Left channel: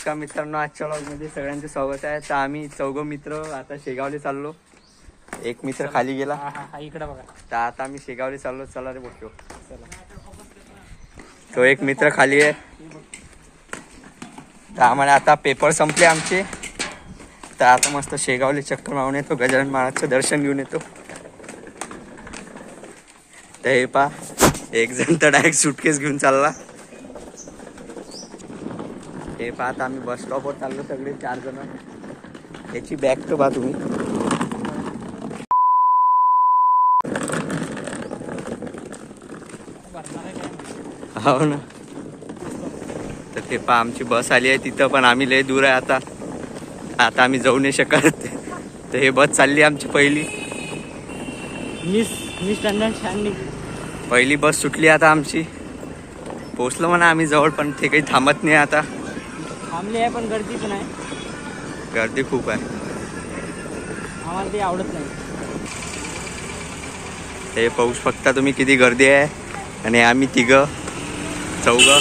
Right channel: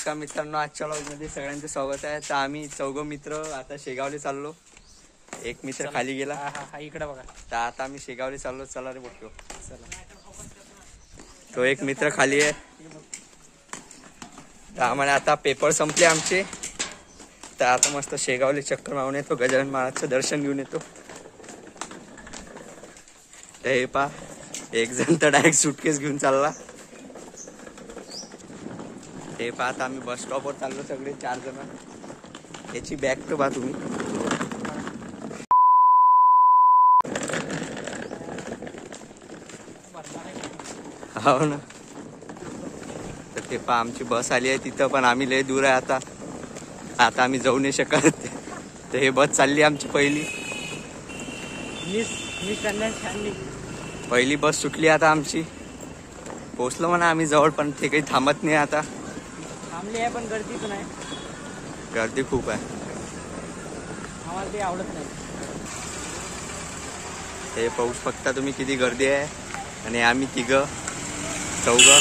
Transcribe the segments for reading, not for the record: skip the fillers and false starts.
नमस्कार मित्रांनो, आजच्या व्लॉगमध्ये सगळ्यांचं स्वागत आहे. तर आम्ही चौघं मित्र आता शेगावले चाललो. एक मित्र खाली गेला इकडे बघा. तर आता आम्ही शेगावले चाललो. चला रे बोटलो. तो एक मित्र खाली आहे. तर आम्हाला आता पेपर संपले आमचे. तर आता मस्त शेगावले चक्कर मारून येतो, गजानन महाराजचं दर्शन घेऊन येतो. तर हे पा एक जण तर डायरेक्ट सुटकेस घेऊन चालला. हे पाहता आम्ही बस स्टॉपवर चाललो सगळे 4 जण. याची बॅग तर पहा तुम्ही. हो ना. तर ते पहा आमची बस आली आहे तिथं, पण आम्ही लय दूर आहे आता आम्ही जाऊ नाही शकत. तर हे बस चालली आमची पहिली बस सुटली आता आमची. पोचलो म्हणा आम्ही जवळ, पण ते काही थांबत नाही आता. थांबले आहे पण गर्दी पण आहे. गर्दी खूप आहे. आम्हाला ते आवडत नाही. हे पाऊस फक्त तुम्ही किती गर्दी आहे. आणि आम्ही चौघं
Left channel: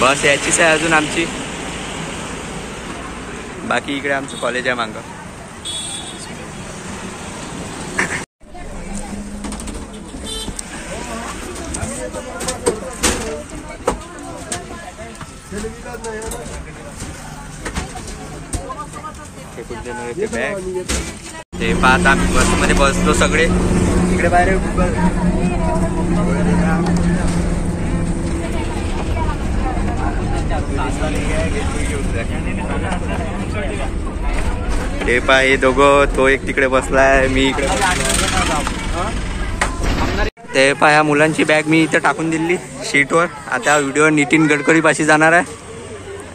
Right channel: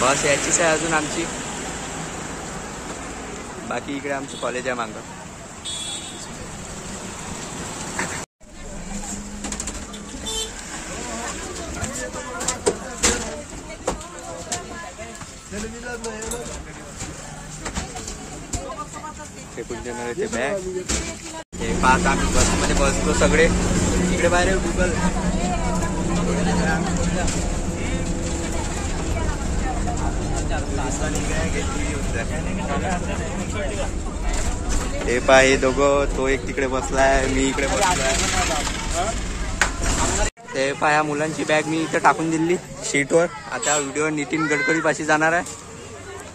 बस याचीच आहे अजून आमची. बाकी इकडे आमचं कॉलेज आहे मागं. ते पाहत आम्ही बसमध्ये बसलो सगळे. इकडे बाहेर गुगल. हे पहा हे दोघं, तो एक तिकडे बसलाय, मी इकडे बसलाय. ते पहा ह्या मुलांची बॅग मी इथं टाकून दिली सीटवर. आता व्हिडिओ नितीन गडकरी पाशी जाणार आहे.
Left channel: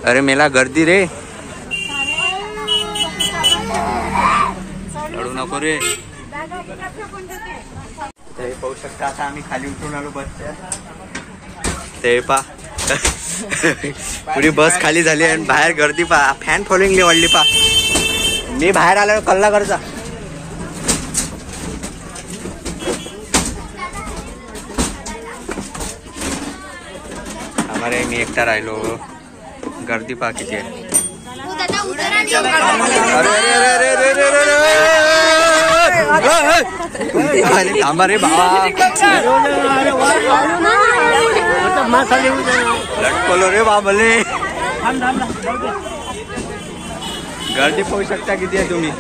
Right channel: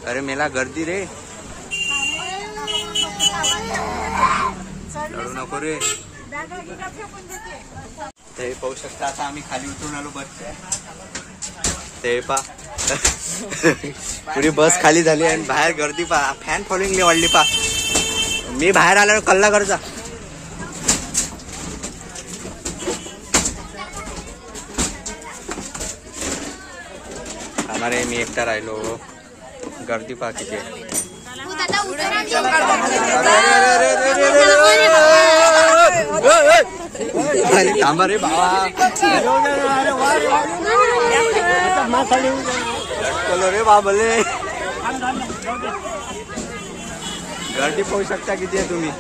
अरे मेला गर्दी रे, लढू नको रे. ते पाहू शकता आता आम्ही खाली उतरून आलो बसच्या. ते पा पुरी बस खाली झाली आणि बाहेर गर्दी पा. फॅन फॉलोइंग वाढली पा. मी बाहेर आलो कल्ला करचा. आम्हाला मी एकटा राहिलो. गर्दी पा किती आहे. थांबा रे बाबा, लटकलो रे बाबले. गर्दी पाहू शकता किती आहे तुम्ही.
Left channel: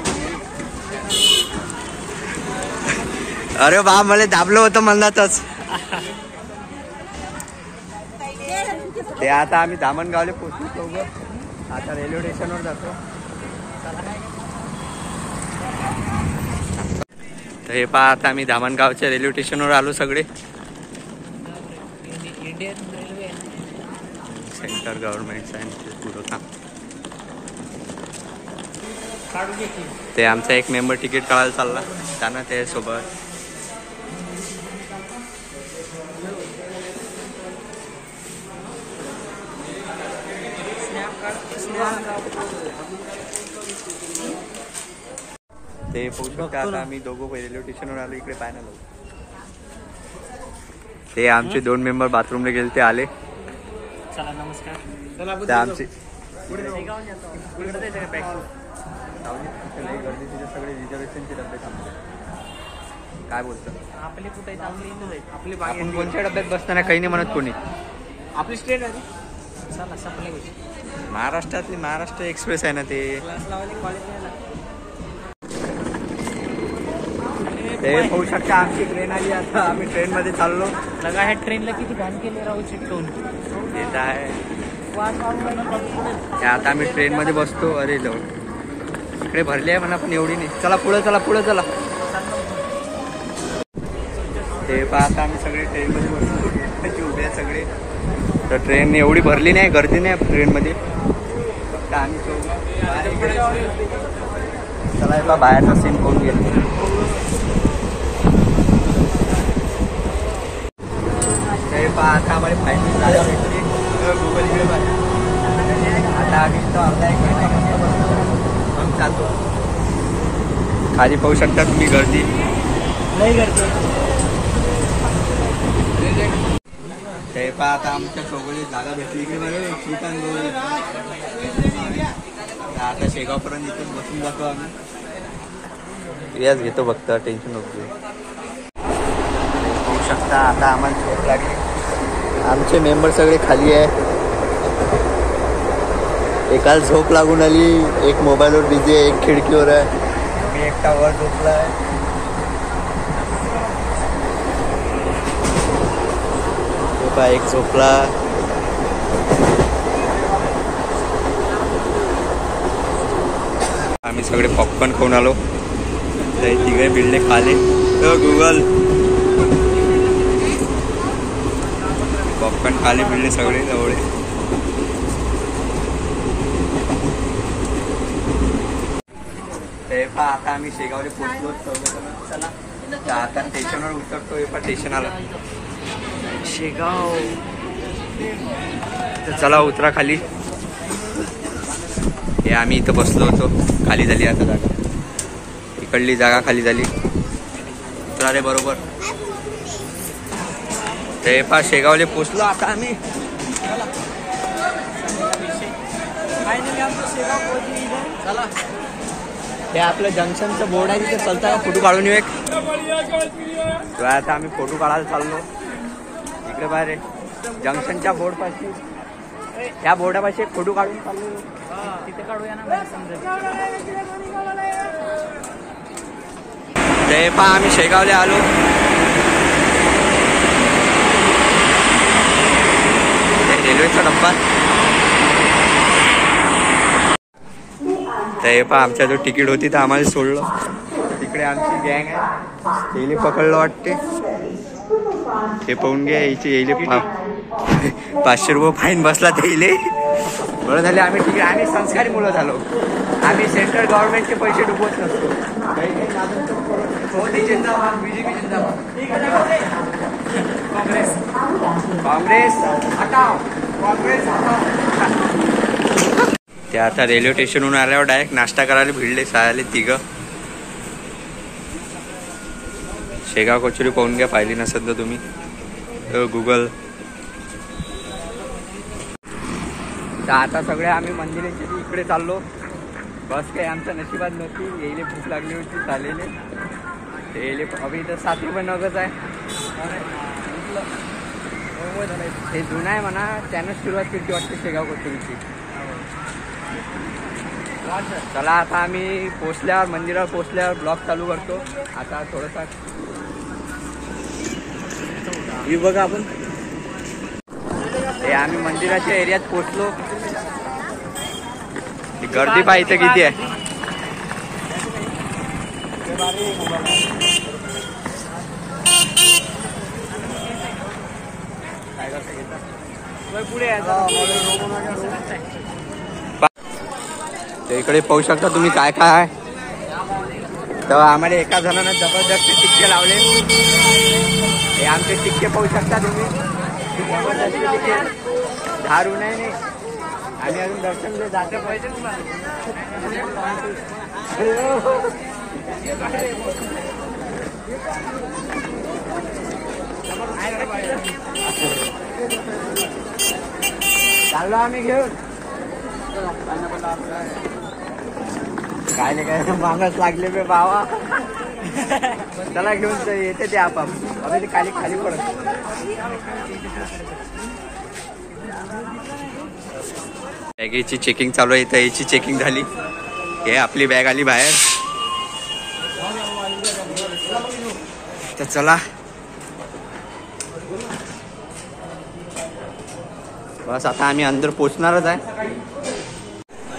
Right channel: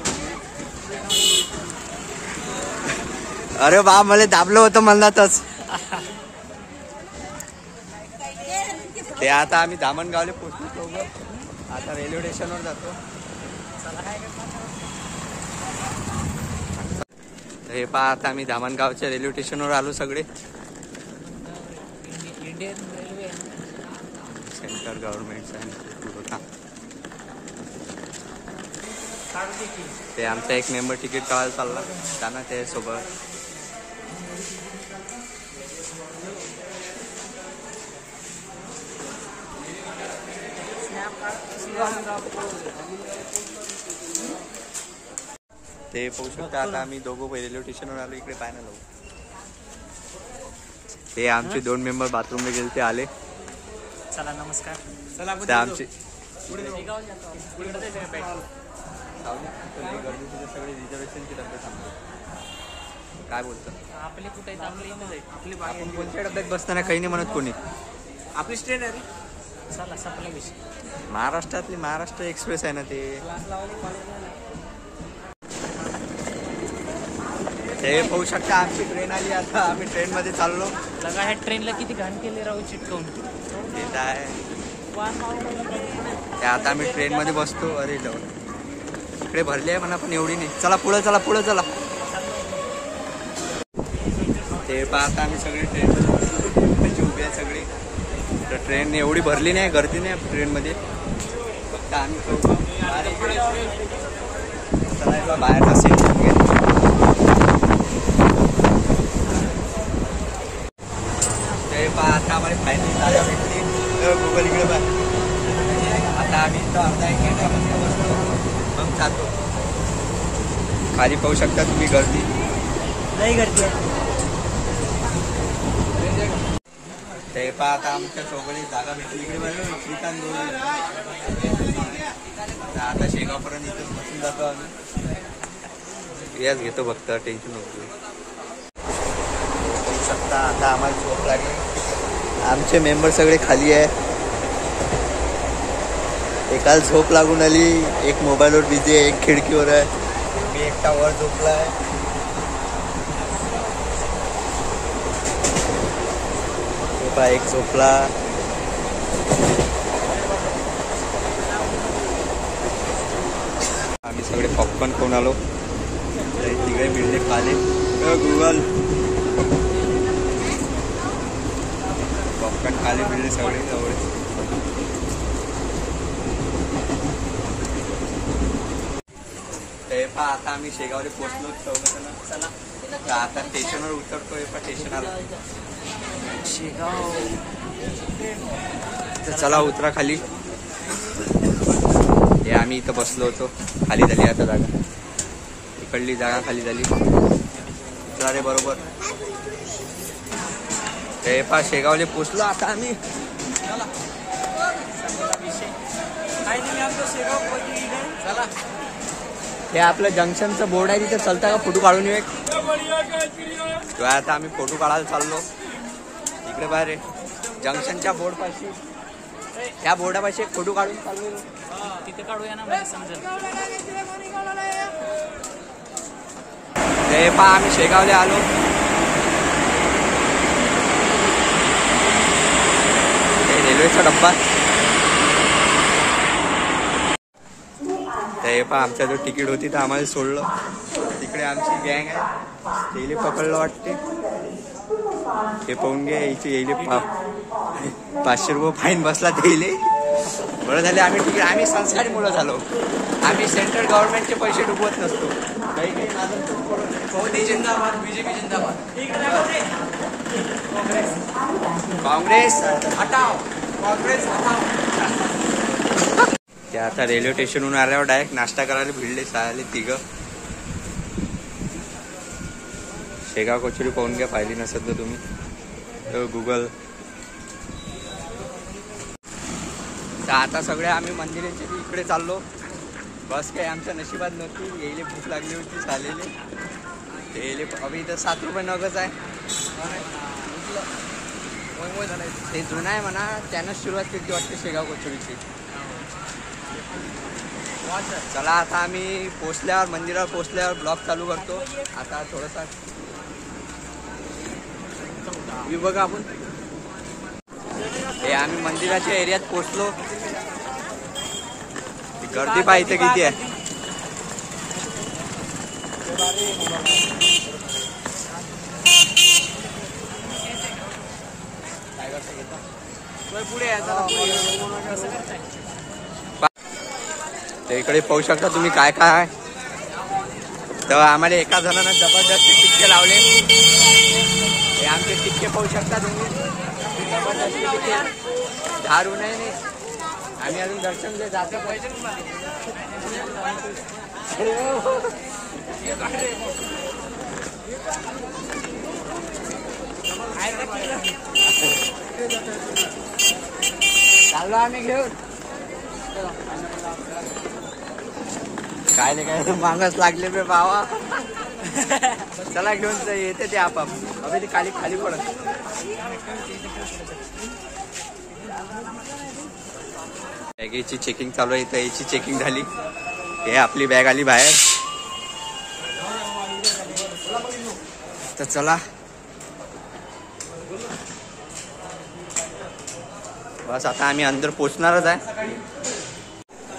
अरे बा मला दाबलं होतं म्हणतातच. ते आता आम्ही धामणगावले पोहोचलो. आता रेल्वे स्टेशनवर जातो. तर हे पहा आता आम्ही धामणगावच्या रेल्वे स्टेशनवर आलो सगळे. सेंटर गव्हर्नमेंट आहे पुरवठा. ते आमचा एक मेंबर तिकीट काढायला चालला त्यांना त्यासोबत. ते पोहोचलो. आता आम्ही दोघं रेल्वे स्टेशनवर आलो. इकडे पाहायला लागलो. ते आमचे 2 मेंबर बाथरूमला गेले, ते आले. चला नमस्कार. ते आमचे गर्दी तिथे सगळे रिझर्वेशनचे डबे थांबले. काय बोलतं आपले कुठे आपले इथं जाईल. आपली आपण कोणत्या डब्यात बसताना काही नाही म्हणत कोणी. आपली स्ट्रेट आहे. चला सगळी महाराष्ट्रातली महाराष्ट्र एक्सप्रेस आहे ना ते. ते पाहू शकता आमची ट्रेन आली. आता आम्ही ट्रेन मध्ये चाललो. लगा ह्या ट्रेनला किती घाण केले राहू चिटकवून. येत आहे. आता आम्ही ट्रेन मध्ये बसतो. अरे जाऊ इकडे भरली आहे म्हणा, पण एवढी नाही. चला पुढे चला पुढे चला. ते पाहता आम्ही सगळे ट्रेन मध्ये बसलो. उभे आहे सगळे. तर ट्रेन एवढी भरली नाही, गर्दी नाही ट्रेन मध्ये. फक्त आम्ही चला बाहेरचा सीट घेऊन घेतो. ते पहा आता आम्हाला फायनली जागा भेटली. आता आम्ही इथं अर्धा 1 घंटा मस्त बसतो, मग चालतो. खाली पाहू शकता तुम्ही गर्दी. नाही गर्दी. ते पहा आता आमच्या चौघाली जागा भेटली. इकडे बघा आता शेगावपर्यंत इथेच बसून जातो आम्ही. याच घेतो फक्त, टेन्शन नको. होऊ शकता आता आम्हाला झोप लागली. आमचे मेंबर सगळे खाली आहे. एकाला झोप लागून आली, एक मोबाईलवर बिझी आहे, एक खिडकीवर आहे, मी एकटा वर झोपला आहे. एक झोपला. आम्ही सगळे पॉपकॉर्न खाऊन आलो. तिघे बिल्डे खाले. गुगल पॉपकॉर्न खाले बिल्डे सगळे जवळ. आता आम्ही शेगावला पोहोचलो. चला आता स्टेशनवर उतरतोय. स्टेशन आलं शेगाव. तर चला उतरा खाली. हे आम्ही इथं बसलो होतो. खाली झाली आता जागा. इकडली जागा खाली झाली. उतरा रे बरोबर. ते शेगावले पोचलो आता आम्ही. चला हे आपलं जंक्शनचं बोर्ड आहे तिथे चलताय. फोटो काढून येऊ एक. आता आम्ही फोटो काढायला चाललो. इकडे बाहेर जंक्शनच्या बोर्ड पाशी, या बोर्डापाशी एक फोटो काढून चाललो. तिथे काढूया ना, मला समजेल. ते आम्ही शेगावला आलो. रेल्वेचा डब्बा. ते आमच्या जो तिकीट होती तर आम्हाला सोडलं. तिकडे आमची गँग आहे. येले पकडलं वाटते. हे पाहून घ्या. येले 500 रुपये फाईन बसला. ते येले बरं झाले. आम्ही संस्कारी मुलं झालो. आम्ही सेंट्रल गव्हर्नमेंटचे पैसे डुबवत नसतो. काँग्रेस हटाव, काँग्रेस हटाव. ते आता रेल्वे स्टेशनहून आल्यावर डायरेक्ट नाश्ता करायला भिडले. सायले तिघं. शेगाव कचोरी पाहून घ्या, पाहिली नसेल तर तुम्ही. गुगल. तर आता सगळे आम्ही मंदिराच्या इकडे चाललो. बस काही आमच्या नशिबात नव्हती. येईले भूक लागली होती चालेले. ते येले अभि इथं 7 रुपये नगच आहे. हे जुनं आहे म्हणा. त्यानंच सुरुवात केली वाटते शेगाव कचोरीची. चला आता आम्ही पोचल्यावर, मंदिरावर पोचल्यावर ब्लॉग चालू करतो. आता थोडंसं ही बघा आपण. हे आम्ही मंदिराच्या एरियात पोचलो. गर्दी पाहा इथं किती आहे. काय करता घेता पुढे. तर इकडे पाहू शकता तुम्ही काय काय आहे. तर आम्हाला एका जणांना जबरदस्ती टिक्के लावले. हे आमचे टिक्के पाहू शकता तुम्ही. जबरदस्ती टिक्के. 10 रुपये नाही. आम्ही अजून दर्शन दे जाते पैसे. चाललो आम्ही घेऊन. काय नाही काय मागच लागले बे बावा. चला घेऊन येते ते आपाप. अबे ते खाली खाली पडत. बॅगेची चेकिंग चालू आहे इथं. याची चेकिंग झाली. हे आपली बॅग आली बाहेर. तर चला बस आता आम्ही अंदर पोचणारच आहे.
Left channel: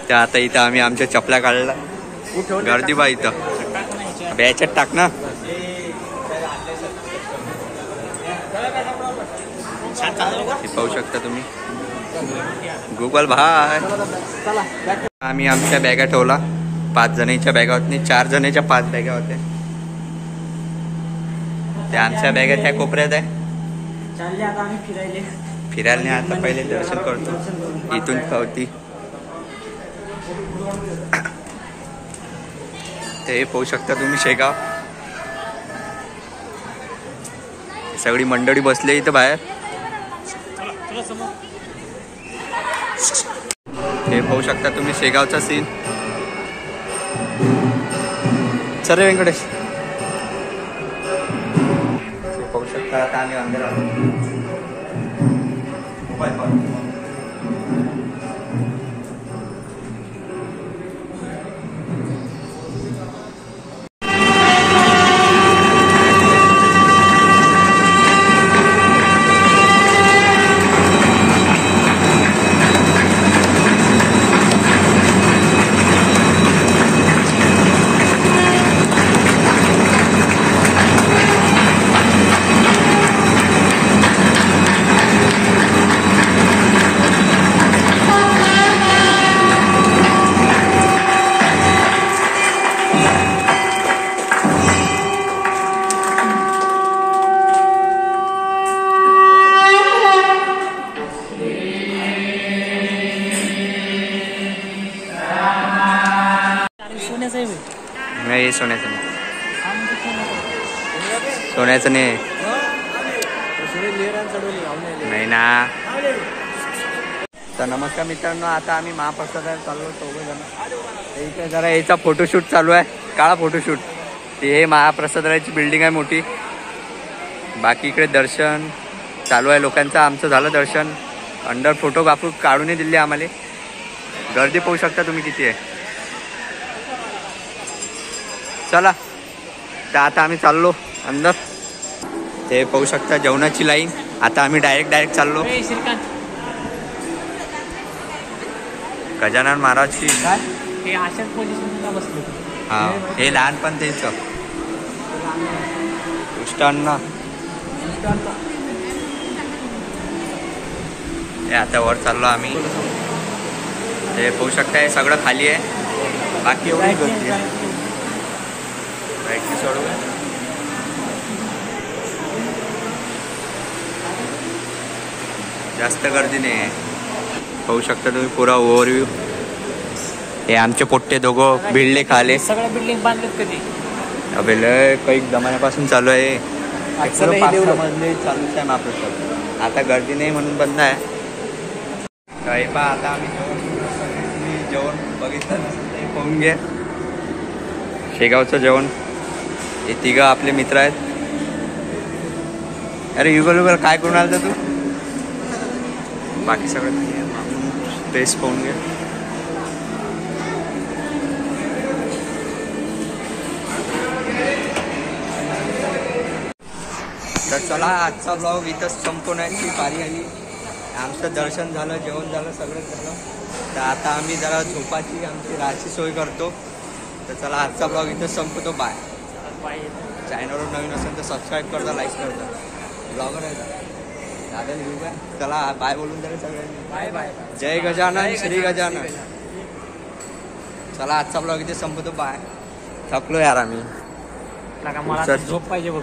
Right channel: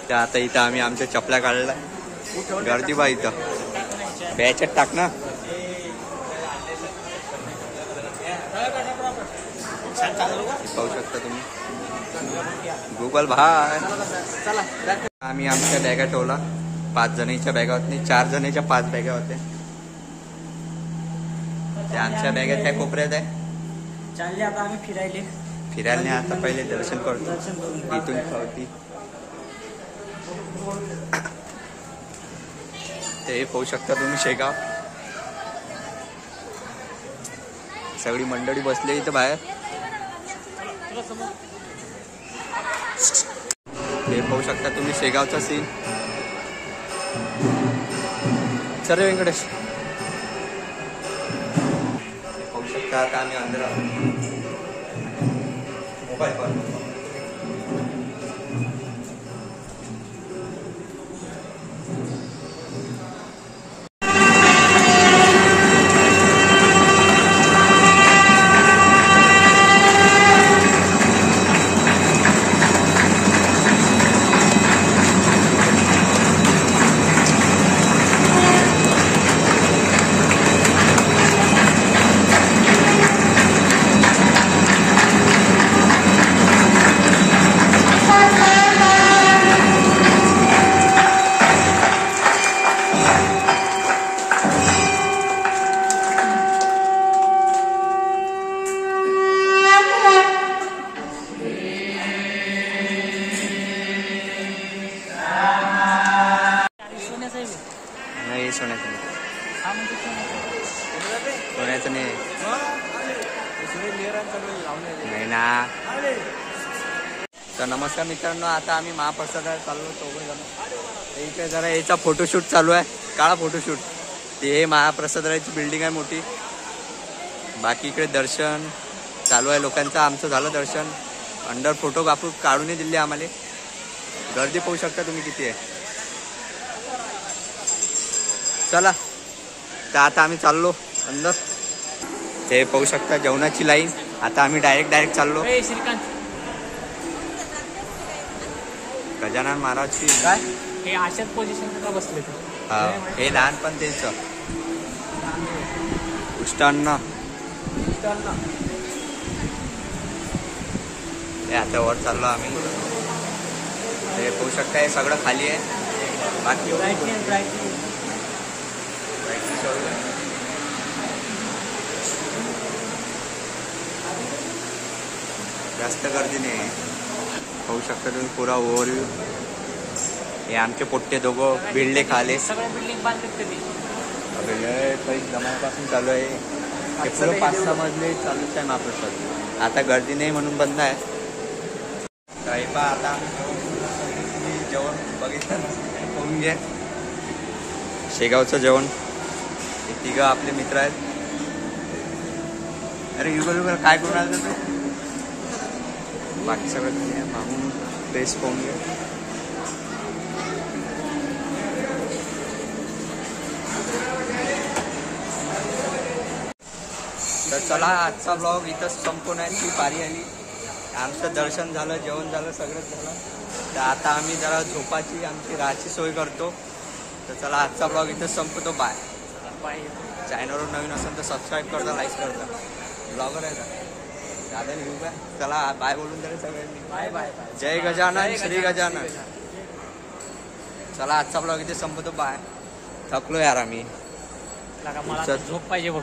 त्या आता इथं आम्ही आमच्या चपल्या काढल्या. गर्दी बा इथं. बॅचेत टाक ना. पाहू शकता तुम्ही. गुगल भाय. आम्ही आमच्या बॅगा ठेवला. 5 जणांच्या बॅगा होत नाही. 4 जणांच्या 5 बॅगा होत्या. त्या आमच्या बॅगा त्या कोपऱ्यात आहे. फिरायला नाही. आता पहिले दर्शन करतो. इथून खावती. ते पाहू शकता तुम्ही शेगाव. सगळी मंडळी बसली इथं बाहेर. हे पाहू शकता तुम्ही शेगावचा सीन. चल रे व्यंकटेश. पाहू शकता आता आम्ही अंदर आलो. मोबाईल पाहू. नाही सोन्याचं नाही. सोन्याचं नाही नाही ना. तर नमस्कार मित्रांनो, आता आम्ही महाप्रसादाला चाललो 4 जण. इथे जरा याचा फोटोशूट चालू आहे, काळा फोटोशूट. हे महाप्रसादाची बिल्डिंग आहे मोठी. बाकी इकडे दर्शन चालू आहे लोकांचं. आमचं झालं दर्शन. अंडर फोटो बापू काढून दिले आम्हाला. गर्दी पाहू शकता तुम्ही किती आहे. चला तर आता आम्ही चाललो अंदर. ते पाहू शकता जेवणाची लाईन. आता आम्ही डायरेक्ट चाललो. गजानन महाराज की हा हे लहानपण तेच उष्टांना. आता वर चाललो आम्ही. ते पाहू शकता हे सगळं खाली आहे. बाकी एवढी ब्राईटनेस सोडू काय. जास्त गर्दी नाही आहे. पाहू शकता तुम्ही पुरा ओव्हरव्ह्यू. हे आमचे पोट्टे दोघं भिडले खाले. सगळ्या बिल्डिंग बांधलेत कधी. अबे लय काही जमान्यापासून चालू आहे. 5-6 मजले चालूच आहे महाप्रसाद. आता गर्दी नाही म्हणून बंद आहे. काही पहा आता आम्ही जेवण बघितलं पाहून घ्या. शेगावचं जेवण. हे 3 आपले मित्र आहेत. अरे युगल काय करून आलं तू. बाकी सगळं ड्रेस पाहून घ्या. तर चला आजचा ब्लॉग इथंच संपवण्याची पारी आली. आमचं दर्शन झालं, जेवण झालं, सगळंच झालं. तर आता आम्ही जरा झोपाची आमची राहायची सोय करतो. तर चला आजचा ब्लॉग इथंच संपवतो. बाय. चॅनलवर नवीन असेल तर सबस्क्राईब करता, लाईक करता. ब्लॉगर आहे का दादा लिहू काय. चला बाय बोलून तरी सगळ्यांनी. Bye bye. जय गजानन श्री गजानन. चला आजचा ब्लॉग इथे संपवतो. बाय. थकलो यार आम्ही. मला झोप पाहिजे बघ.